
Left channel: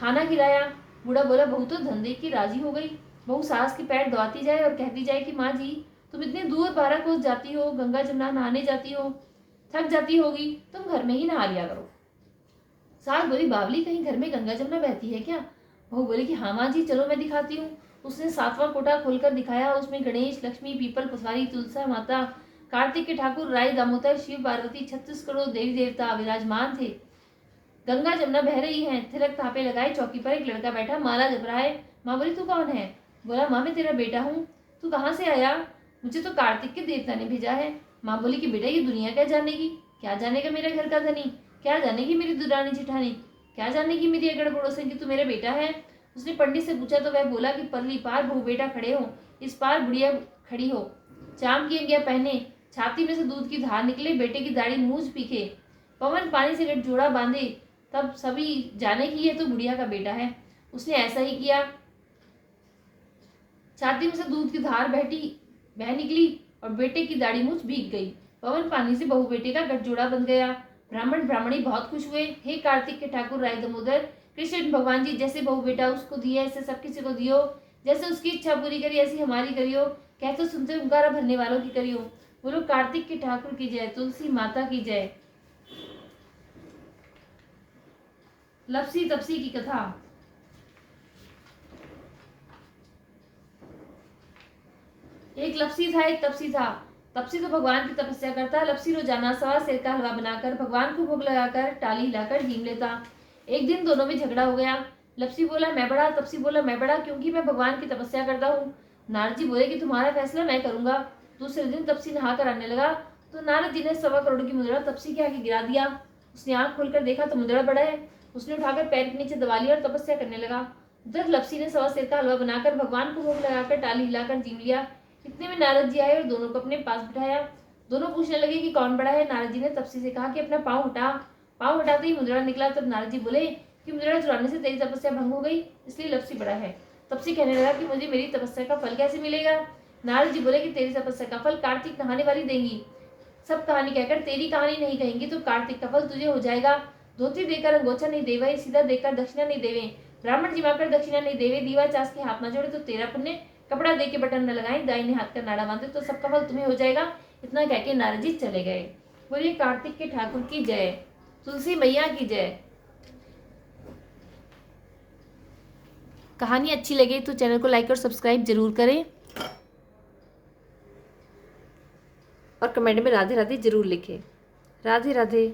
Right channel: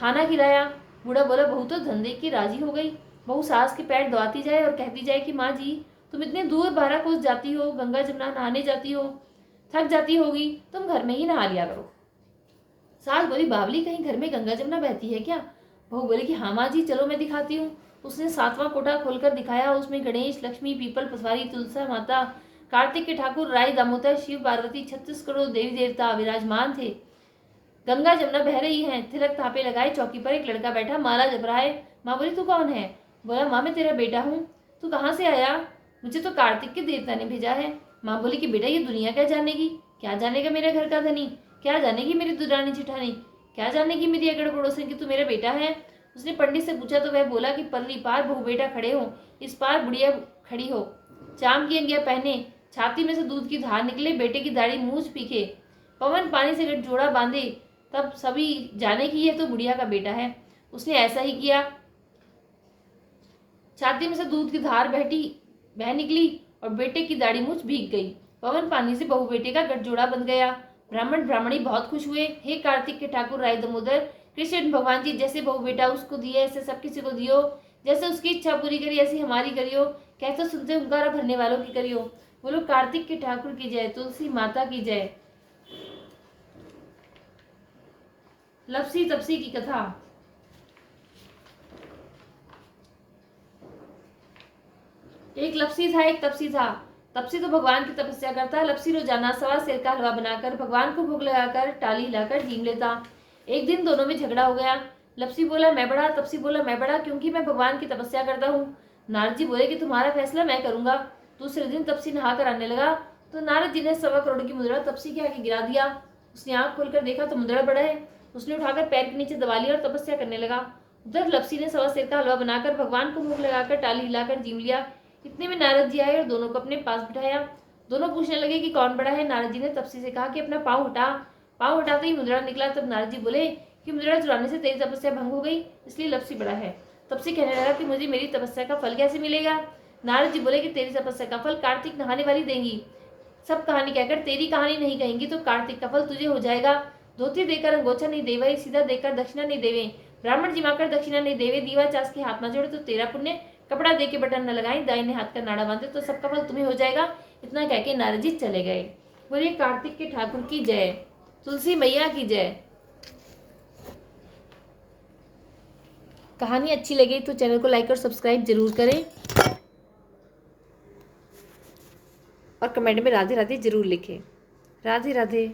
खाना खिलाया। बूढ़ा बोला बहू तो धंधे की राजी हो गई। बहू सास के पैर दबाती जाए और कहती जाए कि माँ जी तुम इतने दूर 12 कोस जाती हो, गंगा जमुना नहाने जाती हो, थक जाती होगी, तुम घर में ही नहा लिया करो। सास बोली बावली, कहीं घर में गंगा जमुना बहती है क्या? बहू बोली कि हाँ माँ जी, चलो मैं दिखाती हूँ। उसने 7वां कोटा खोलकर दिखाया। उसमें गणेश, लक्ष्मी, पीपल, पसवारी, तुलसा माता, कार्तिक के ठाकुर, राय, दामोदर, शिव, पार्वती, 36 करोड़ देवी देवता विराजमान थे। गंगा जमुना बह रही है, तिलक थापे लगाए, चौकी पर एक लड़का बैठा, माला जप रहा है। माँ बोली तू कौन है? बोला माँ मैं तेरा बेटा हूँ। तू कहाँ से आया? मुझे तो कार्तिक के देवता ने भेजा है। माँ बोली कि बेटा ये दुनिया क्या जानेगी, क्या जानेगा मेरे घर का धनी, क्या जानेगी मेरी दुरानी जिठानी, क्या जानेगी मेरी अगड़ पड़ोसन की तू मेरा बेटा है। उसने पंडित से पूछा तो वह बोला कि परली पार बहू बेटा खड़े हो, इस पार बुढ़िया खड़ी हो, चाम की अंगिया पहने, छाती में से दूध की धार निकले, बेटे की दाढ़ी मूछ पीके, पवन पानी से जोड़ा बांधे, तब सभी जाने की ये तो बुढ़िया का बेटा है। उसने ऐसा ही किया। छाती में से दूध की धार बह निकली और बेटे की दाढ़ी मूछ भीग गई। पवन पानी से बहू बेटे का गठजोड़ा बन गया। ब्राह्मण ब्राह्मणी बहुत खुश हुए। हे कार्तिक के ठाकुर, राय दामोदर, कृष्ण भगवान जी, जैसे बहू बेटा उसको दिए ऐसे सब किसी को दियो, जैसे उसकी इच्छा पूरी करी ऐसी हमारी करियो, कहते सुनते हुंकारा भरने वालों की करियो। बोलो कार्तिक के ठाकुर की जय, तुलसी माता की जय। लपसी तपसी की कथा। एक लपसी था, एक तपसी था। तपसी तो भगवान की तपस्या करता, लपसी रोजाना सवा सेर का हलवा बनाकर भगवान को भोग लगाकर टाली हिलाकर जीम लेता। एक दिन दोनों में झगड़ा हो गया। लपसी बोला मैं बड़ा, तपसी बोला मैं बड़ा, क्योंकि मैं भगवान की तपस्या करता हूँ। नारद जी बोले कि तुम्हारा फैसला मैं करूंगा। दूसरे दिन तपसी नहा कर आने लगा तो नारद जी ने 1.25 करोड़ की मुद्रा तपसी के आगे गिरा दिया। उसने आंख खोलकर देखा तो मुद्रा बड़ा है। उसने उठाकर पैर के नीचे दबा लिया और तपस्या करने लगा। उधर लपसी ने सवा सेर का हलवा बनाकर भगवान को भोग लगाकर टाली हिलाकर जीम लिया। इतने में नारद जी आए और दोनों को अपने पास बिठाया। दोनों पूछने लगे कि कौन बड़ा है। नारद जी ने तपसी से कहा कि अपना पाँव हटा। पाँव हटाते ही मुद्रा निकला। तब नारद जी बोले कि मुद्रा चुराने से तेरी तपस्या भंग हो गई, इसलिए लपसी बड़ा है। तपसी कहने लगा कि मुझे मेरी तपस्या का फल कैसे मिलेगा। नारद जी बोले कि तेरी तपस्या का फल कार्तिक नहाने वाली देंगी। सब कहानी कहकर तेरी कहानी नहीं कहेंगी तो कार्तिक का फल तुझे हो जाएगा। धोती देकर अंगोछा नहीं देवे, सीधा देकर दक्षिणा नहीं देवे, ब्राह्मण जिमाकर दक्षिणा नहीं देवे, दीवा चास के हाथ न जोड़े तो तेरा पुण्य, कपड़ा दे के बटन न लगाए, दाहिने हाथ का नाड़ा बांधे तो सबका फल तुम्हें हो जाएगा। इतना कह के नारद जी चले गए। बोलिए कार्तिक के ठाकुर की जय, तुलसी मैया की जय। कहानी अच्छी लगे तो चैनल को लाइक और सब्सक्राइब जरूर करें और कमेंट में राधे राधे जरूर लिखें। राधे राधे।